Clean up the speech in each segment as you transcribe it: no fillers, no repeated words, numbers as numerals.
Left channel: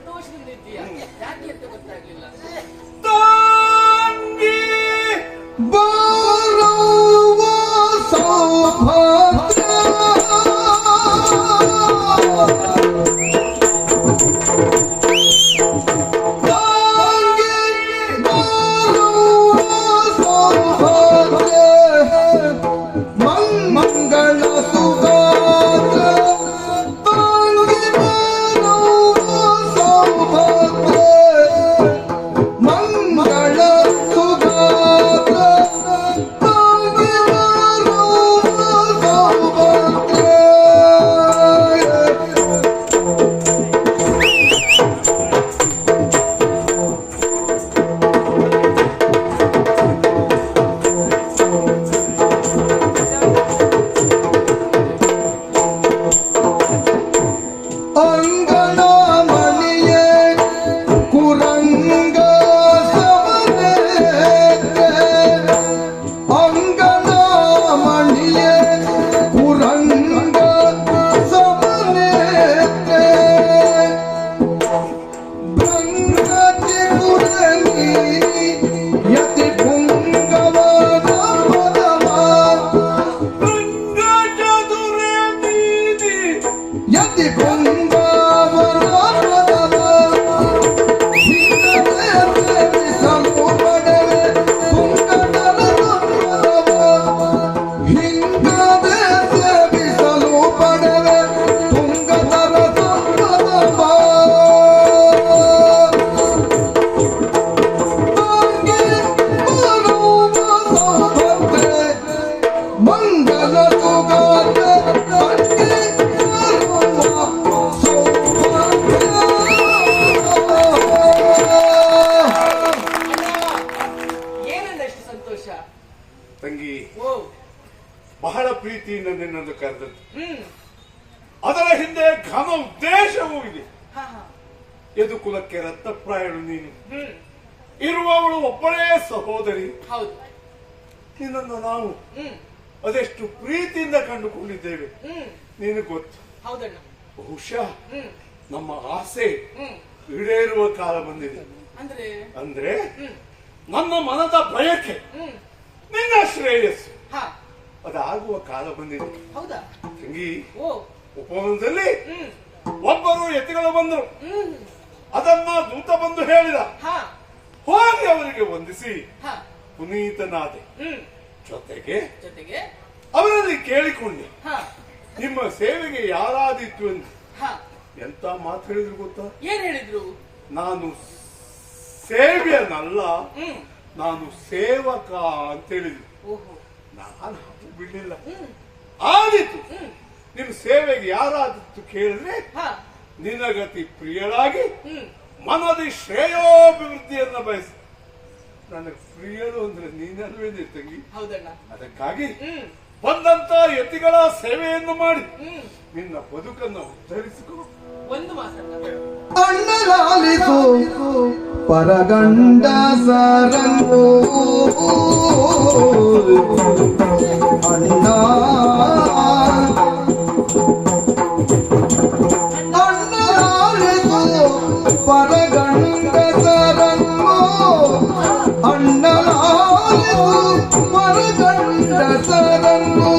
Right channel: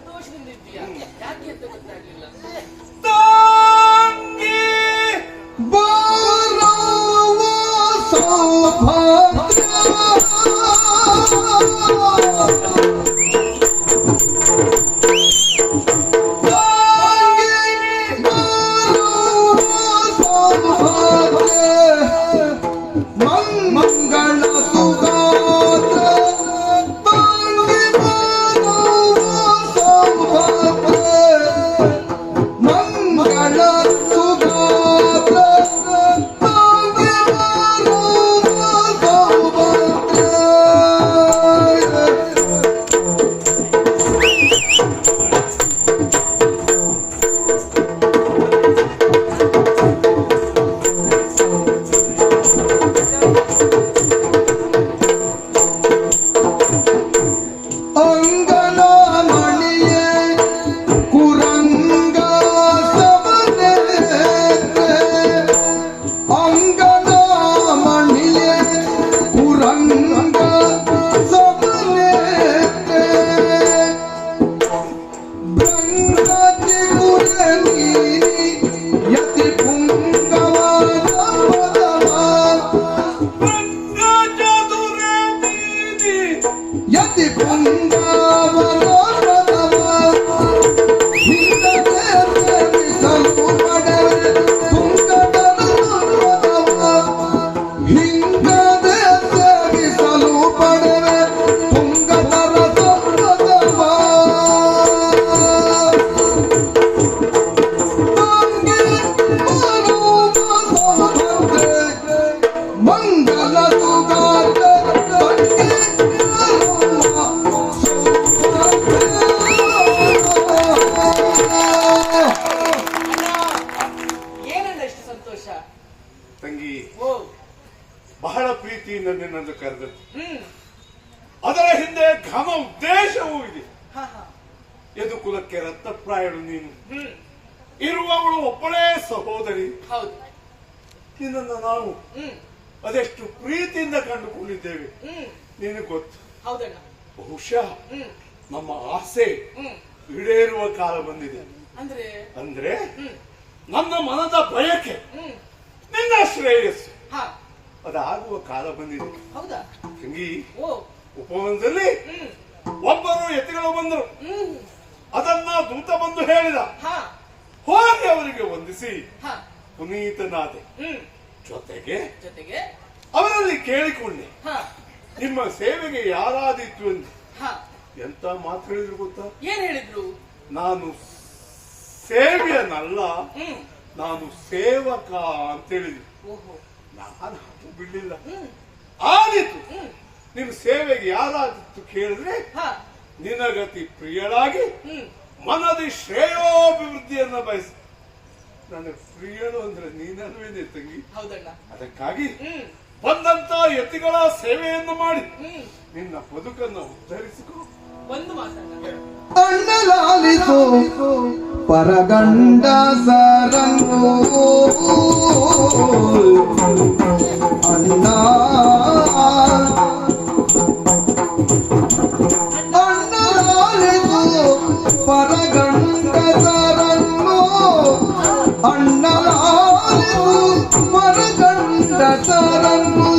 ಸಂತೋಷದಿಂದ ಇದ್ದೀಯಾ? ಯಾಕೆ ಅಂತ ಗೊತ್ತಾಗ್ಲಿಲ್ಲ. ತಂಗಿ ಬಹಳ ಪ್ರೀತಿಯಿಂದ ನಿನ್ನನ್ನು ಕರೆದದ್ದು. ಅದರ ಹಿಂದೆ ಘನ ಉದ್ದೇಶವೂ ಇದೆ. ಯದು ಕುಲಕ್ಕೆ ರತ್ನಪ್ರಾಯಳು ನೀನು. ಇರುವವಳು ಒಬ್ಬಳೇ ಸಹೋದರಿ. ನಿನ್ನನ್ನು ನಾವು ಅದೆಷ್ಟು ಪ್ರೀತಿಯಿಂದ ಕಂಡುಕೊಂಡಿದ್ದೇವೆ ನಿನಗೆ ಗೊತ್ತು. ಬಹುಶಃ ನಮ್ಮ ಆಸೆ ಈಡೇರುವ ಕಾಲ ಬಂದಿದೆ. ಅಂದ್ರೆ ನನ್ನ ಮನದ ಬಯಕೆ ನಿನ್ನ ಶ್ರೇಯಸ್ಸು ಅದಾಗುವ ಕಾಲ ಬಂದಿದೆ. ತಂಗಿ, ಉಪವನದಲ್ಲಿ ಒಬ್ಬರು ಯತಿಗಳು ಬಂದರು. ಅದನ್ನ ದೂತ ಬಂದು ಹೇಳಿದ. ಹೋಗಿ ಅವರಿಗೆ ವಂದಿಸಿ ಪುನೀತನಾದೆ. ಜೊತೆಗೆ ಅವರಲ್ಲಿ ಕೇಳಿಕೊಂಡೆ, ನಿಮ್ಮ ಸೇವೆಗೆ ಯಾರಾದಿತ್ತು ಎಂದು. ಎಂತ ಮಾತು ಹೇಳಿದ್ರು ಗೊತ್ತಾ? ಏನ್ ಹೇಳಿದ್ರು? ನಾನು ಸೇವ್ಯನಲ್ಲ, ನಾನು ಸೇವಕ ಅಂತ ಹೇಳಿದ್ರು. ನಾನು ಬಿಡ್ಲಿಲ್ಲ. ಆದಿತ್ತು, ನಿಮ್ ಸೇವೆಗೆ ಯಾರಾದಿತ್ತು ಕೇಳಿದ್ರೆ ನಿನಗತಿ ಪ್ರಿಯಳಾಗಿ ಮನದಿ ಶ್ರೇಯೋಭಿವೃದ್ಧಿಯನ್ನ ಬಯಸಿ. ನನಗೆ ಪ್ರಿಯಳು ಅಂದ್ರೆ ನೀನಲ್ವೇನೆ ತಂಗಿ. ಅದಕ್ಕಾಗಿ ಬಂದಂತ ಯತಿಗಳ ಸೇವೆಯನ್ನು ಮಾಡಿ ನಿನ್ನ ಬದುಕನ್ನು ಉದ್ಧರಿಸಿಕೊ. ಒಂದು ಮಾತನ್ನು ಪರಗಂಡ ಸಾರಂಗೋ ಅಣ್ಣ ಪರಗಂಡ ಸಾರಂಗೋ ಅಣ್ಣ ಪರಗಂಡ ಸಾರಂಗೋ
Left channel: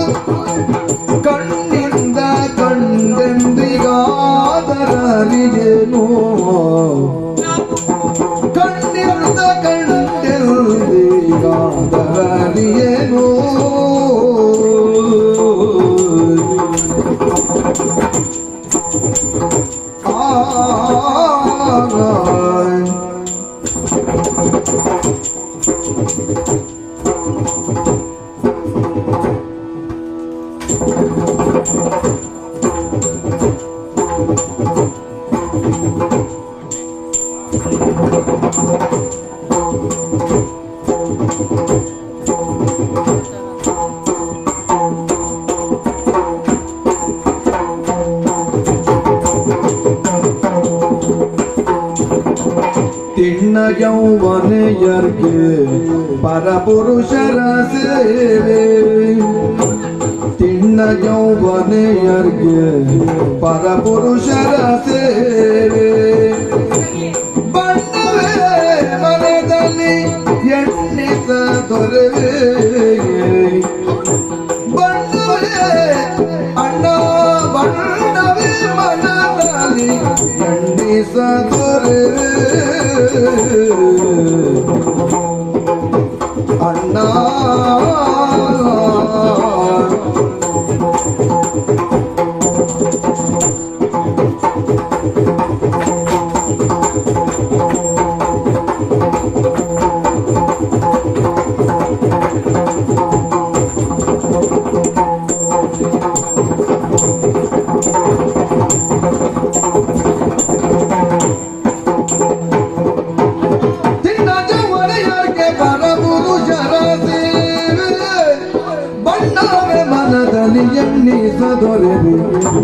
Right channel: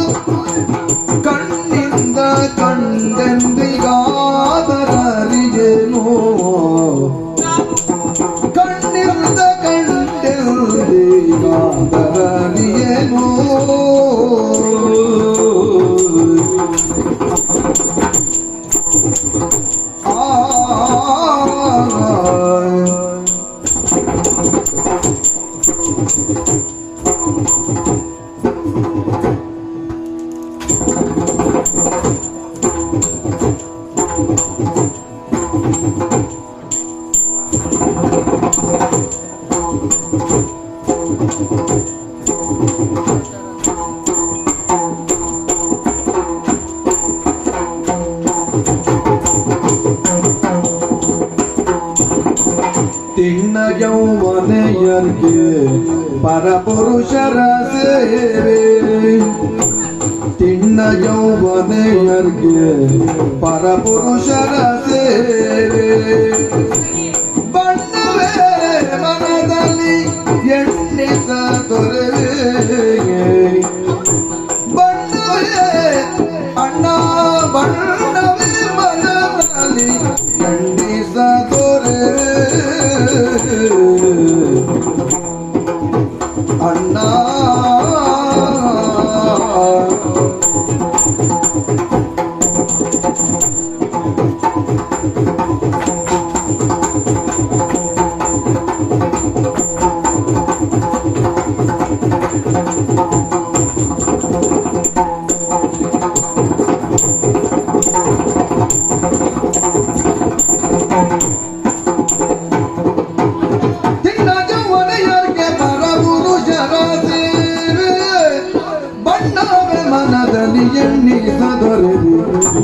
ಕಣ್ಣಿಂದ ಕಂಡೆಂದಿಗಾದರಿಗೆನೋ ಕಣ್ಣಿಂದ ಕಂಡೆಂದಿಗಾದರಿಗೆನೋ ತಿನ್ನ ಯೌವನೆಯರ್ಗೆ ಪರಪುರುಷರ ಸೇವೆ. ತಿನ್ನ ಯೌವನೆಯರ್ಗೆ ಪರಪುರುಷರ ಸೇವೆ. ದೊರೆ ಅಣ್ಣ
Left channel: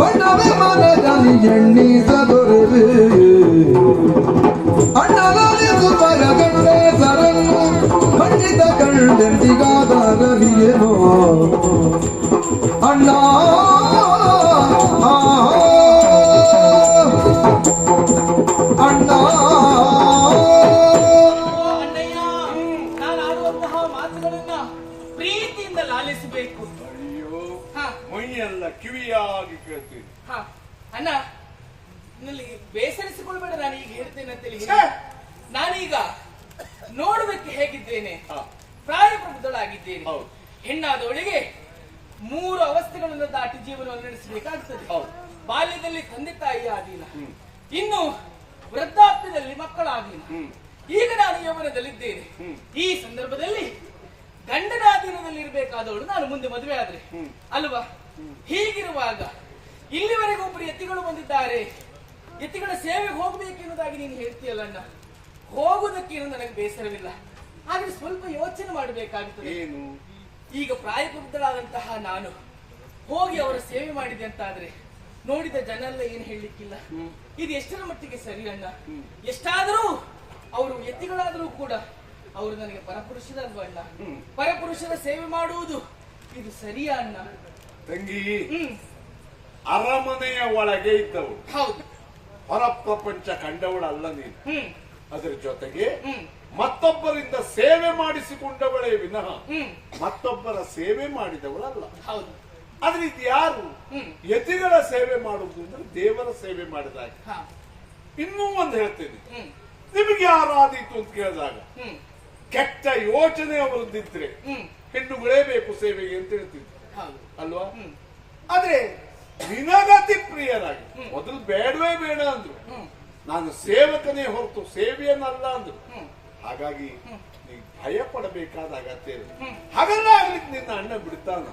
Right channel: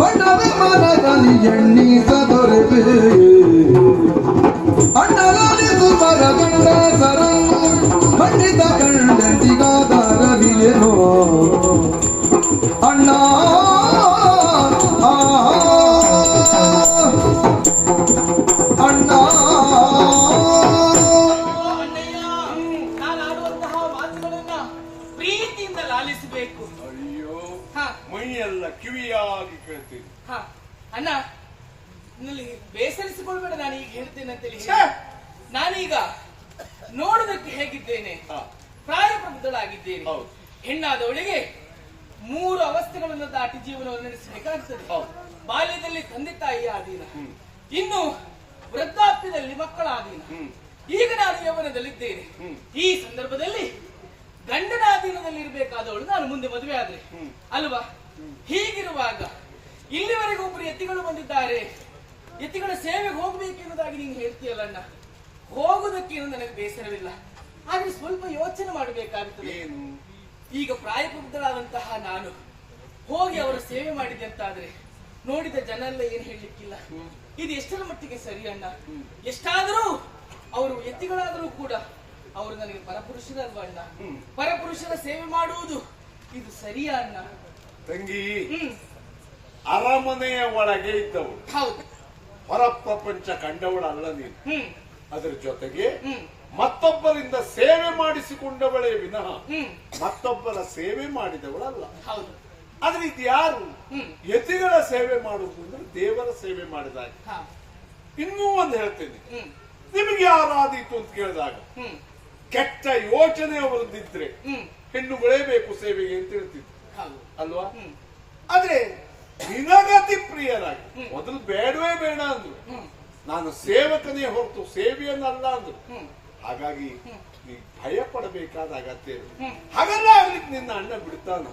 ಬಣ್ಣವೇ ಮನದಲ್ಲಿ ಎಣ್ಣಿಸದೊರೆವೆ ಅಣ್ಣನಿದು ಬರಗಂಡ ಸರ ಖಂಡಿತ ಕಂಡೆಂದಿಗಾದ ರವಿಯೇನೋ ಅಣ್ಣ ಅಣ್ಣ ಅಣ್ಣಯ್ಯ, ನಾನು ಆಡುವಂತಹ ಮಾತುಗಳನ್ನ ಪ್ರೀತಿಯಿಂದ ಲಾಲಿಸಬೇಕು. ಅಯ್ಯೋ ಹಾ ಮೈಯೆಲ್ಲ ಕಿವಿಯಾಗಿ ಕೇಳ್ತೀನಿ. ಹಾ ಅಣ್ಣ, ನಲ್ಲಿ ಬೇಸರಿಸಿಕೊಳ್ಬೇಡ, ನಾನು ಈಗ ಹೇಳ್ತೇನೆ ಅಂತೇಳಿ ಛೇ! ನಾನೀಗ ನೋಡುವುದಕ್ಕೆ ಹೇಗಿದ್ದೇನೆ, ಹಾ. ಪ್ರಾಯಪ್ರಬುದ್ಧಳಾಗಿದ್ದೇನೆ. ಹೌದು. ಹೆಣ್ಣಾದವಳಿಗೆ 3 ಅವಸ್ಥೆಗಳನ್ನು ದಾಟಿ ಜೀವನವನ್ನು ನಡೆಸಬೇಕಾಗ್ತದೆ. ಹೌದು. ಬಾಲ್ಯದಲ್ಲಿ ತಂದೆ ತಾಯಿಯ ಅಧೀನ, ಇನ್ನು ವೃದ್ಧಾಪ್ಯದಲ್ಲಿ ಮಕ್ಕಳ ಅಧೀನ, ಈಗ ನಾನು ಯೌವನದಲ್ಲಿದ್ದೇನೆ. ಈ ಸಂದರ್ಭದಲ್ಲಿ ಗಂಡನ ಅಧೀನದಲ್ಲಿ ಇರಬೇಕಾದವಳು ನಾನು ಮುಂದೆ ಮದುವೆ ಆದ್ರೆ ಅಲ್ವಾ? ಹೀಗಿರುವಾಗ ಇಲ್ಲಿವರೆಗೂ ಒಬ್ಬರು ಎತ್ತಿಗಳು ಬಂದಿದ್ದಾರೆ, ಎತ್ತಿಗಳ ಸೇವೆಗೆ ಹೋಗಬೇಕೆನ್ನುವುದಾಗಿ ನೀನು ಹೇಳ್ತೀಯಲ್ಲ ಅಣ್ಣ. ಹೋಗುವುದಕ್ಕೇನು ನನಗೆ ಬೇಸರವಿಲ್ಲ, ಆದ್ರೆ ಸ್ವಲ್ಪ ಯೋಚನೆ ಮಾಡಬೇಕಾಗುತ್ತದೆ. ಏನು? ಈಗ ಪ್ರಾಯಪ್ರಬುದ್ಧರಾದಂತಹ ನಾನು ಹೋಗಿ ಅವರ ಸೇವೆ ಮಾಡಿದೆ ಅಂತಾದ್ರೆ ನೋಡಿದ ಜನ ಎಲ್ಲ ಏನು ಹೇಳಲಿಕ್ಕಿಲ್ಲ. ಇದು ಎಷ್ಟರ ಮಟ್ಟಿಗೆ ಸರಿ ಅಣ್ಣ? ಎಷ್ಟಾದರೂ ಅವರು ಎತ್ತಿಗಳಾದರೂ ಕೂಡ ಅವರು ನನಗೆ ಪರಪುರುಷರಲ್ವ ಅಣ್ಣ? ಪರಪುರುಷರ ಸೇವೆ ಮಾಡುವುದು ಇದು ಸರಿಯಾ ಅಣ್ಣ? ತಂಗಿ, ಅರಮನೆಯ ಒಳಗೆ ಇದ್ದವಳು, ಹೌದು. ಹೊರ ಪ್ರಪಂಚ ಕಂಡವಳಲ್ಲ ನೀನು. ಹ್ಮ್ ಅದರ ಜೊತೆಗೆ ಹ್ಮ್ ಮತ್ತೊಬ್ಬರಿಂದ ಸೇವೆ ಮಾಡಿಸಿಕೊಂಡವಳೇ ವಿನಃ ಹ್ಮ್ ಮತ್ತೊಬ್ಬರ ಸೇವೆ ಮಾಡಿದವಳಲ್ಲ. ಹೌದು. ಆದ್ರೆ ಇದು ಯಾರು? ಯತಿಗಳ ಸೇವೆ ಮಾಡುವುದು ಅಂದ್ರೆ ದೇವರ ಸೇವೆ ಮಾಡಿದಾಗ. ಹಾ ಇನ್ನೂ ಒಂದು ಹೇಳ್ತೇನೆ, ಹ್ಮ್ ನಿಮಗೆ ಯಾರಾದೀತು ಅಂತ ಕೇಳಿದಾಗ ಹ್ಮ್ ಕೆಟ್ಟ ಯೋಚನೆ ಅವರದ್ದಿದ್ರೆ ಹ್ಮ್ ಹೆಣ್ಣುಗಳೇ ಬೇಕು ಸೇವೆಗೆ ಅಂತ ಹೇಳ್ತಿದ್ರು ಹೌದು. ಅಲ್ವಾ? ಹ್ಮ್ ಆದ್ರೆ ನಿನಗತಿ ಪ್ರಿಯರಾಗಿ ಮೊದಲು ಬೇಡವೇ ಬೇಡ ಅಂದ್ರು, ನಾನು ಸೇವಕನೇ ಹೊರತು ಸೇವೆಯನ್ನಲ್ಲ ಅಂದ್ರು. ಹಾಗಾಗಿ ನೀ ಭಯ ಪಡಬೇಕಾದ ಅಗತ್ಯ ಇಲ್ಲ. ಹಾಗೆಲ್ಲ ಆಗ್ಲಿಕ್ಕೆ ನಿನ್ನ ಅಣ್ಣ ಬಿಡ್ತಾನ.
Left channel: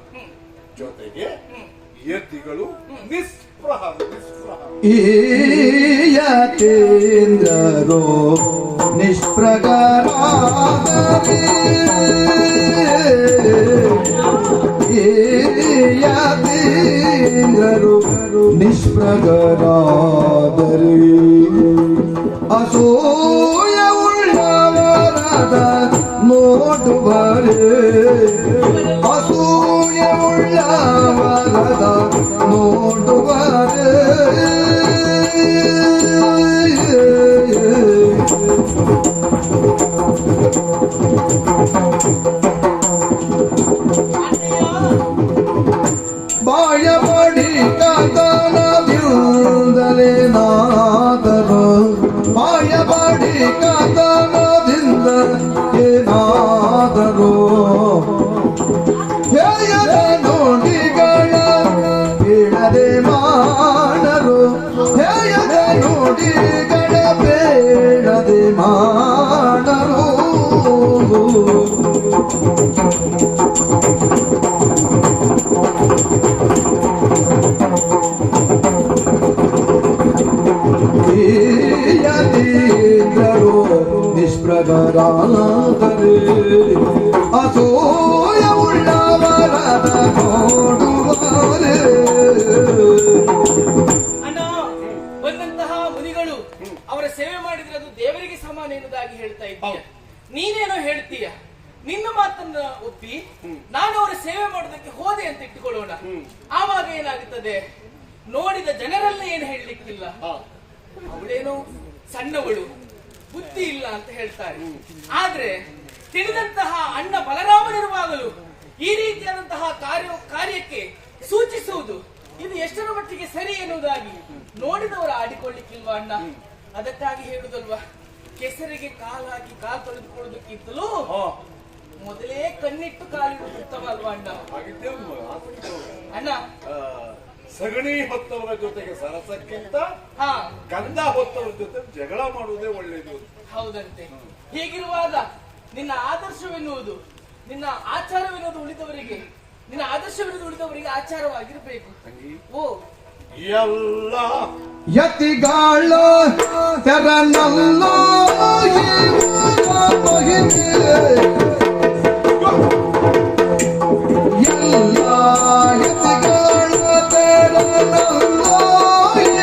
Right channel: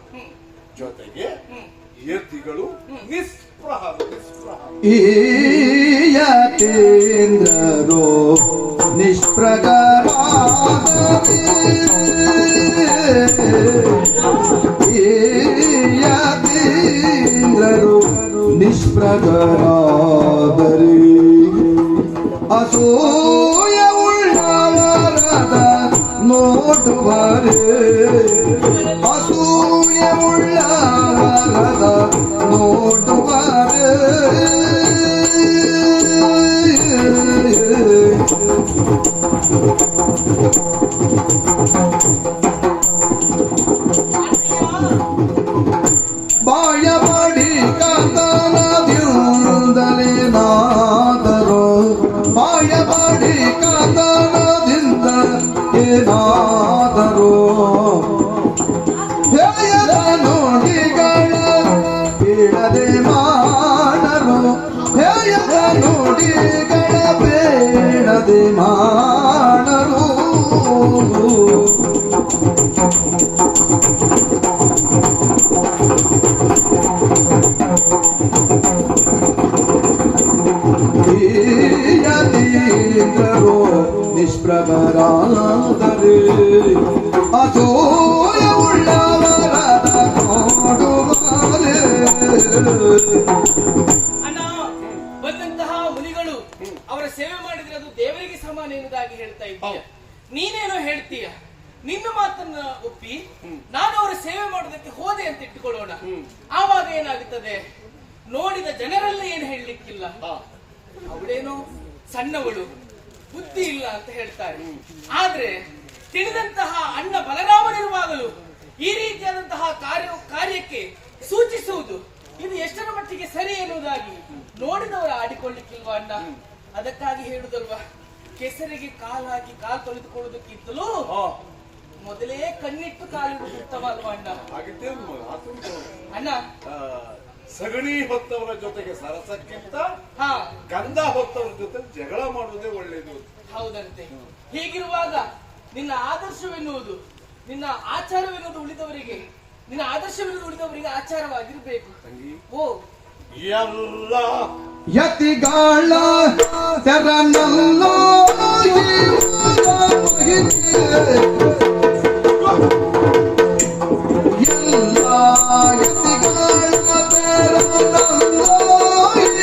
ಜೊತೆಗೆ ಯತಿಗಳು ನಿಸ್ಪೃಹ ಈಯತೇಂದ್ರರೋ ನಿಷ್ಪ್ರಗಾರಾದರೆ ಈಯತೇಂದ್ರರೋ ನಿಷ್ಪ್ರಗಾರಾದರೆ ಅಸೂಯ ಉಳ್ಳವರದ ನೋಡುವರೆ ಅಸೂಯ ಉಳ್ಳವರದ ನೋಡುವರೆ ಬಾಯ ಮಾಡಿ ಕಾತನದಿಂದಲೇ ನಾದರೋ ಬಾಯ ಮಾಡಿ ಕಾತನದಿಂದ ಏನಾದರೋ ಹೇಯದ ನೋಡಿಗಳ ಬೀಳದೆ ಮಾಡರೋ ಹೇಯದ ನೋಡಿಗಳ ಬೇಡದೆ ಮಾಡರೋ ಯತೀಂದ್ರರೋ ನಿಷ್ಪ್ರಗಾರಾದರೆ ಅಸೂಯ ಉಳ್ಳವರದ ನೋಡುವರೆ. ಅಣ್ಣ, ಬಂದಂತಹ ಮುನಿಗಳು ಅವರ ಸೇವೆ ಮಾಡಿದ್ರೆ ಅದು ದೇವರಿಗೆ ಸಮಾನ ಎನ್ನುವುದಾಗಿ ಹೇಳ್ತಾ ಇದ್ದೀಯ. ನೀನೇನೋ ಹೇಳ್ತೀಯ, ನಿನ್ನ ಮಾತನ್ನ ಒಪ್ಪಿ ನಾನು ಅವರ ಸೇವೆ ಮಾಡೋದಕ್ಕೆ ಹೋದೆ ಅಂತ ಇಟ್ಟುಕೊಳ್ಳೋಣ. ಆವಾಗ ಏನಾಗುತ್ತದೆ? ನೋಡಿದ ಜನರೆಲ್ಲ ಏನು ಹೇಳಲಿಕ್ಕಿಲ್ಲ, ಅವಳೇನೋ ಸಣ್ಣವಳು, ಬುದ್ಧಿ ಇಲ್ಲ ಅಂತ ಹೇಳ್ತಾರೆ. ಆದ್ರೆ ತಿಳಿದಂತಹ ಅಣ್ಣ ಬಲರಾಮನಿರುವಾಗಲೂ ಈ ರೀತಿಯಾದಂತಹ ಕಾರ್ಯಕ್ಕೆ ಸೂಚಿಸುವುದು ಇದು ಎಷ್ಟರ ಮಟ್ಟಿಗೆ ಸರಿ ಎನ್ನುವುದಾಗಿ ನೋಡಿದವರು ಆಡಿಕೊಳ್ಳಿಕ್ಕಿಲ್ವಾ ಅಣ್ಣ? ಅದಕ್ಕಾಗಿ ಹೇಳುದಲ್ವಾ, ಕೆಸರಿಗೆ ಕಾಲು ಹಾಕಿ ಕಾಲು ತೊಳೆದುಕೊಳ್ಳುವುದಕ್ಕಿಂತಲೂ ಮೊದಲೇ ಕಣ್ಣಿಟ್ಟು ಕಾಲಿಡುವುದು ಉತ್ತಮ ಅಲ್ವಾ ಅಣ್ಣ? ಹಾಗಿದ್ದೇನು ಮಗ, ಅಣ್ಣ ಸಗಣಿ ಹೊತ್ತವರ ಜೊತೆಗೆ ಸರಸಕ್ಕಿಂತ ಹಾ ಗಂಧ ಹೊತ್ತವರ ಜೊತೆ ಜಗಳ ಮಾಡುವುದೇ ಒಳ್ಳೆಯದು. ಹೌದಂತೆ. ಹೀಗಿರುವಾಗ ನಿನ್ನ ಆದರ್ಶವೆನ್ನುವುದು, ನಿನ್ನ ಆಚಾರವೆನ್ನುವುದು ಉಳಿದವರಿಗೆ, ನಿನ್ನ ಆದರ್ಶವೆನ್ನುವುದು ಉಳಿದವರಿಗೆ ಆಚಾರವಾಗಿರ್ಬೇಕು. ಓ ಎಲ್ಲ ಯತಿಗಾಳ ತೆರನಲ್ಲೋ ಮಹಿಮೆ ಎಲ್ಲ ಯತಿಗಾಳ ತೆರನಲ್ಲೋ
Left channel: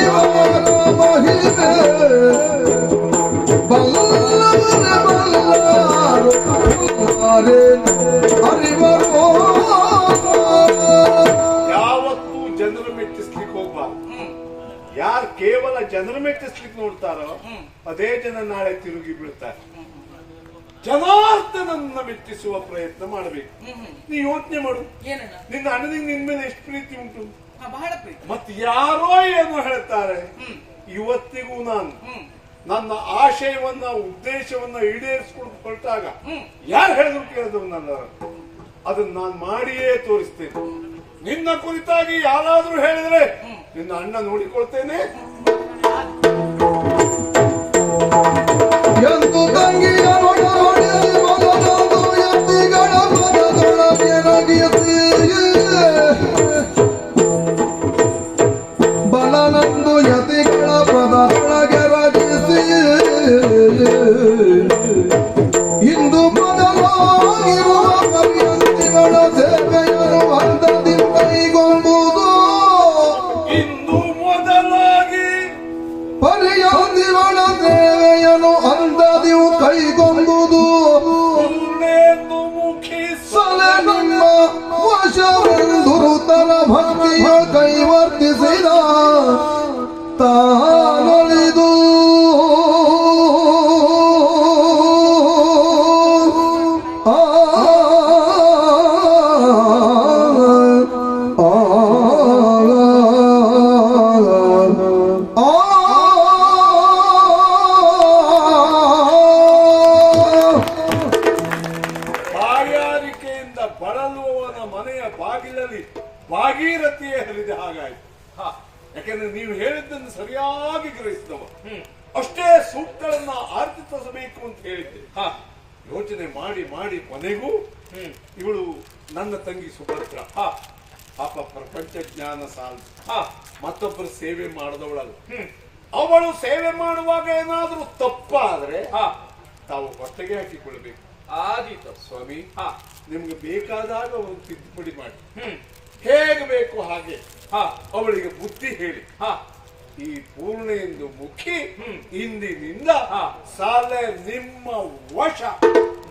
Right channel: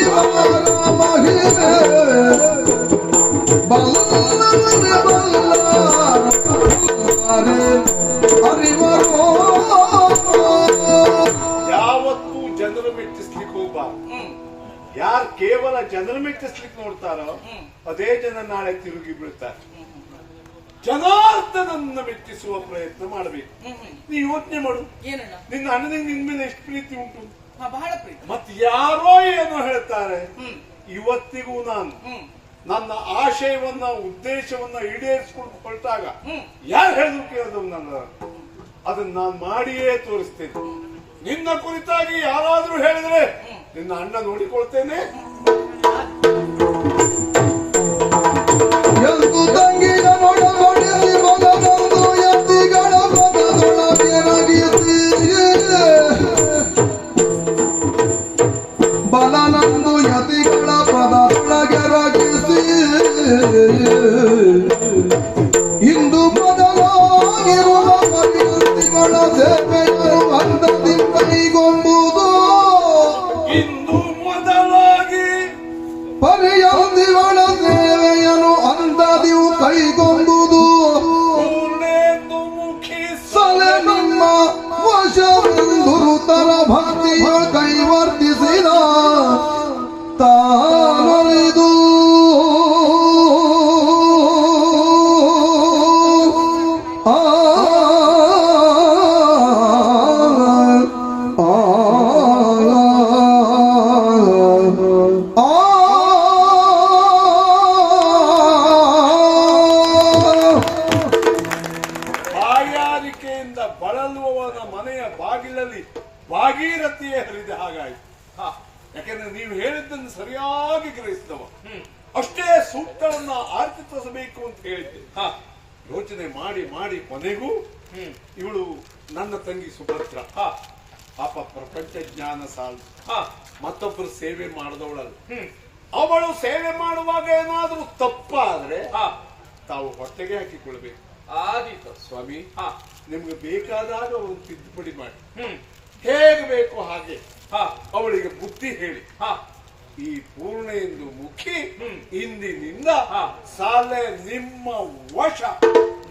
ಇವರ ಮಹಿಮೆ ಬಲ್ಲರೆ ಬಲ್ಲಾರು ಅರಿವರೋ. ಯಾವತ್ತೂ ಜನರು ಮೆಚ್ಚಿಸ್ಲಿಕ್ಕೆ ಹೋಗ್ಬಾರ್ದು. ಯಾರು ಕೇವಲ ಜನರು ಮೆಚ್ಚಿಸ್ಲಿಕ್ಕೆ ನೋಡ್ತಾರೋ ಅದೇ ಜನ ನಾಳೆ ತಿರುಗಿ ಬೀಳ್ತಾರೆ. ಜನಾರ್ದನನ್ನ ಮೆಚ್ಚಿಸುವ ಪ್ರಯತ್ನ ಮಾಡಬೇಕು. ನೀ ಯೋಚನೆ ಮಾಡು, ಏನಣ್ಣ? ನಿನ್ನ ಅಣ್ಣನಿಗೆ ನಿನ್ ಮೇಲೆ ಎಷ್ಟು ಪ್ರೀತಿ ಉಂಟು. ಬಹಳ ಪ್ರೀತಿ. ಮತ್ತೆ ಯಾರೋ ಏನು ಹೇಳ್ತಾರೆ, ಇವತ್ತಿಗೂ ನಾನು ನನ್ನ ಆಶಯವನ್ನ ಉದ್ದೇಶವನ್ನ ಈಡೇರಿಸಿಕೊಂಡು ಹೊರಟಾಗ ಯಾರು ಹೇಳಿದ್ರು ಕೇಳಿದ್ರು ನನ್ನ ಅದನ್ನ ನಾನು ಮಾಡಿಯೇ ತೋರಿಸ್ತೇನೆ. ನಿನ್ನ ಕುರಿತಾಗಿ ಯಾರಾದ್ರೂ ಹೇಳಿದ್ರೆ ನಿನ್ನ ಅಣ್ಣ ನೋಡಿಕೊಳ್ತೇನೆ. ಎಂದು ತಂಗಿಯ ಒಡವಡಿಸಿ ಬಲನೊಂದು ಎತ್ತಿಗಳ ಪದದೊಳಗಿರಗಿಸಿ ಬಲನೊಂದು ಯತಿಗಳ ಪದದೊಳಗಿರಗಿಸಿ ಇಂದು ಬದಲಾಗಿರುವ ಪರ್ಯಂತಿಗಳ ಸೇವೆಯರು ಹಂತದಿಂದ ಕೈಗೊಂಡುದು. ಇಂದು ಮೊದಲಾಗಿ ಪರ್ಯಂತಿಗಳ ಸೇವೆಯನ್ನು ಅಂದದಿವು ಕೈಗೊಂಡುದು. ಪೂರ್ಣೇಂದು ಮುಖಿ ಸಲೆ ನಿಮ್ಮ ವಶವೆಂದುರುತರ ಭಕ್ತಿಯ ಕೈವರ್ತಿಸಿದ ತಾನೊಲಿದು ಬಾಯಾರಿಕೆಯಿಂದ ಬಳಲುವವನ ಮನೆಯ ಬಾಗಿಲಲ್ಲಿ ಭಾಗೀರಥಿಯೇ ಹರಿದ ಹಾಗಾಯಿತು. ಯಾಕೆಂದ್ರೆ ನೀವು ಹೇಳಿದ್ದನ್ನು ಸರಿಯಾಗಿ ಗ್ರಹಿಸಿದವ. ಅಷ್ಟೇ ಸೂಕ್ತಗಳನ್ನ ಆರ್ತಿಸಬೇಕು ಅಂತ ಹೇಳಿದ್ದೆ. ಯೋಚನೆ ಮಾಡಿ ಮಾಡಿ ಕೊನೆಗೂ ಇವಳು ನನ್ನ ತಂಗಿ ಸುಭದ್ರ ಪಾಪ ಪ್ರಪಂಚ ಜ್ಞಾನ ಸಾಲು ಮತ್ತೊಬ್ಬರು ಸೇವೆ ಮಾಡದವಳಲ್ಲ. ಅವಳು ಸೇವೆ ಮಾಡುವಾಗ ಏನಾದ್ರೂ ತಪ್ಪಾದ್ರೆ ತಾವು ಹೊಟ್ಟೆಗೆ ಹಾಕಿಕೊಳ್ಬೇಕು. ಆದೀತು ಸ್ವಾಮಿ, ನಿಮ್ಗೆ ಬೇಕಾದಾಗ ಅವರು ತಿದ್ದುಪಡಿ ಮಾಡಿ ಹೇಗೆ ಬೇಕು ಹಾಗೆ ಅವಳಿಗೆ ಬುದ್ಧಿ ಹೇಳಿ. ಈ ಪೂರ್ಣೆಂದು ಮುಖಿ ಇಂದಿನಿಂದ ಸಾಲೆ ನಿಮ್ಮ ವಶ.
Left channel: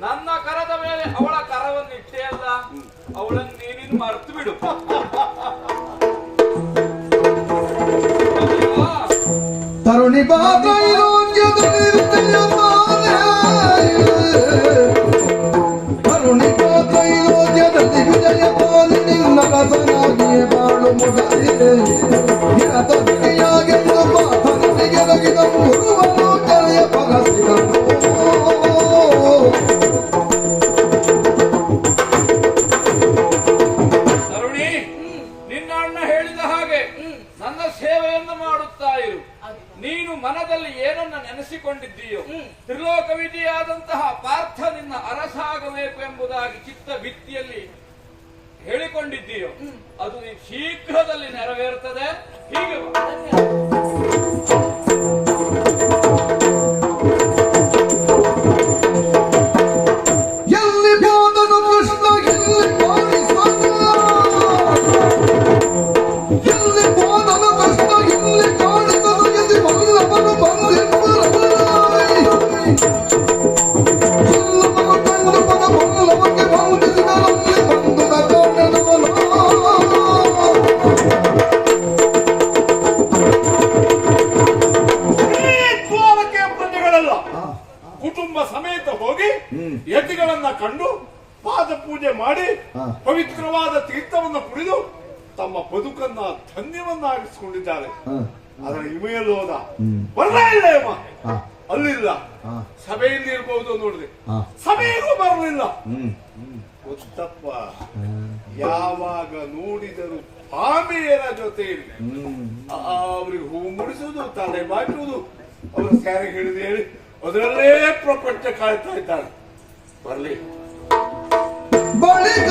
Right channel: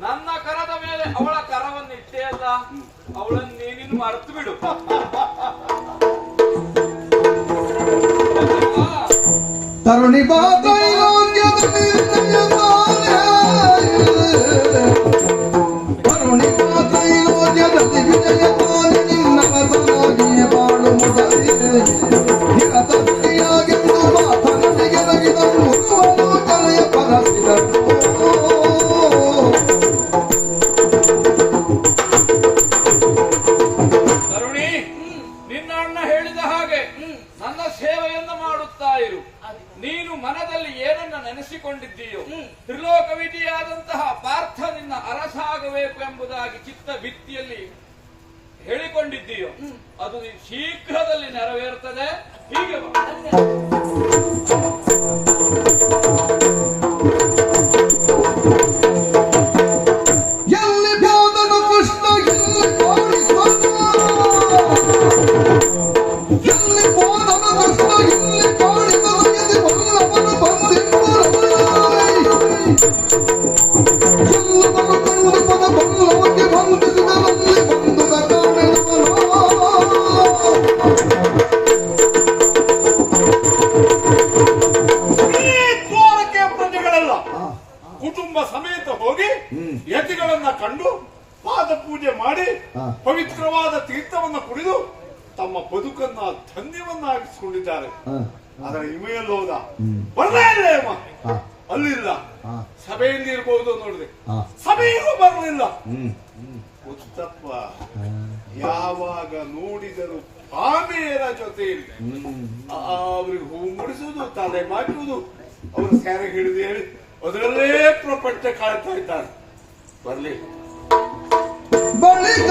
ನನ್ನ ಕರದ ಮೇಲೆ ಅವಳ ಕರವನ್ನು ಇಟ್ಟೇ ಅಲ್ಲ, ಅವಳನ್ನು ನೀನಿನ್ನು ಮರ್ತು ಬಿಡು. ತರುಣಿ ಬಾತ್ರೈಲೋಕ್ಯದಲ್ಲಿ ತರುಣಿ ಬಾತ್ರೈಲೋಕ್ಯದಲ್ಲಿ ವಿಜಯ ಪಾಲಿ ನಿನ್ನ ರಸನಾಗಿಯೇ ಬಾಳು ಮುಗಲಿದೆ. ನಿರತಯಾಗೆಂದು ಮಾತನಿಗೆ ರಗಿದ ಮುರುವನೋಚನೆಯ ಪರಸಿದರು. ತರುಣಿ, ನಿನ್ನ ಅಣ್ಣ ಹೇಳಿದ ಹಾಗೆ ನನ್ನ ಸೇವೆಯನ್ನು ಮಾಡುತ್ತಾ ಇರು. ನೀನು ಮನದಲ್ಲಿ ಏನನ್ನ ನೆನೆಸಿಕೊಂಡಿದ್ದೀಯೋ, ತ್ರಿಲೋಕವಿಧಿಯಾದಂತಹ ಪಾರ್ಥ ನಿನ್ನ ಅರಸಾಗಬೇಕು ಎಂಬುದಾಗಿ ಚಿತ್ತ ಭಿತ್ತಿಯಲ್ಲಿ ಹೇಳಿಕೊಂಡಿದ್ದೀಯೋ, ಅದು ಶೀಘ್ರದಲ್ಲಿ ನೆರವೇರುತ್ತದೆ. ಹೀಗೆ ಬಾ. ಎಲ್ಲಿ ಬ್ಯಾದನು ಕೃಷ್ಣ ಎಲ್ಲಿ ಕಾಣಿಸ್ವನ, ಎಲ್ಲಿ ಹೋದನು ಕೃಷ್ಣ ಎಲ್ಲಿ ಕಾಣಿದನು, ಎಲ್ಲಿ ವಲ್ಲಭನು ಬಂದೆಂಬರಲ್ಲ. ಎಲ್ಲವೂ ಖಂಡಿತದ ವಲ್ಲಭಕ್ಕೆ ಬಂಧಿಸಿದರಲ್ಲಿ ಬಂಧುದ ಕಾರಣವನು. ದ್ವಾರಕೆ ಪ್ರಜೆಗಳೆಲ್ಲ ಕುಟುಂಬ ಸಮೇತ ಹೋಗಿ ಯತಿಗಳನ್ನ ಕಂಡು ಪಾದ ಪೂಜೆ ಮಾಡಿ ಪವಿತ್ರವಾದ ತೀರ್ಥವನ್ನ ಕುಡಿದು ತಮ್ಮ ಬದುಕನ್ನ ಧನ್ಯವನ್ನಾಗಿಸಿಕೊಂಡಿದ್ದಾರೆ. ಹ, ಅದರ ಇಮೆಯಲ್ಲಿ ಹೋದ ಹ್ಮ್. ಬರ್ಲೇ ಇಲ್ಲ ಅಮ್ಮ, ಹ, ಅಲ್ಲಿಲ್ಲ. ಹ, ಸಭೆಯಲ್ಲಿ ಇರ್ಬಹುದು ನೋಡಿದೆ, ಹ. ಸಭೆಗೂ ಬರಲಿಲ್ಲ. ಹ್ಮ್. ಗೊತ್ತಪ್ಪ, ಹ, ಯಾವಾಗ ನೋಡಿದರು ಭಾಮೆಯರ ಜೊತೆ ಇರಿ. ಹ್ಮ್. ಅವ್ರಿಗೆ ಹೂ ಮುಡಿಸುವುದು, ತಲೆ ಬಾಚುವುದು, ಅವರ ಸ್ಯಾರೆ ಹಿಡಿದು ಹೇಳಿ ಅದರಲ್ಲೇ ಪ್ರಪಂಚ ಕಾಡ್ತಾ ಇದ್ದಾರೆ. ಬರ್ಲಿ ಬಳಿಕ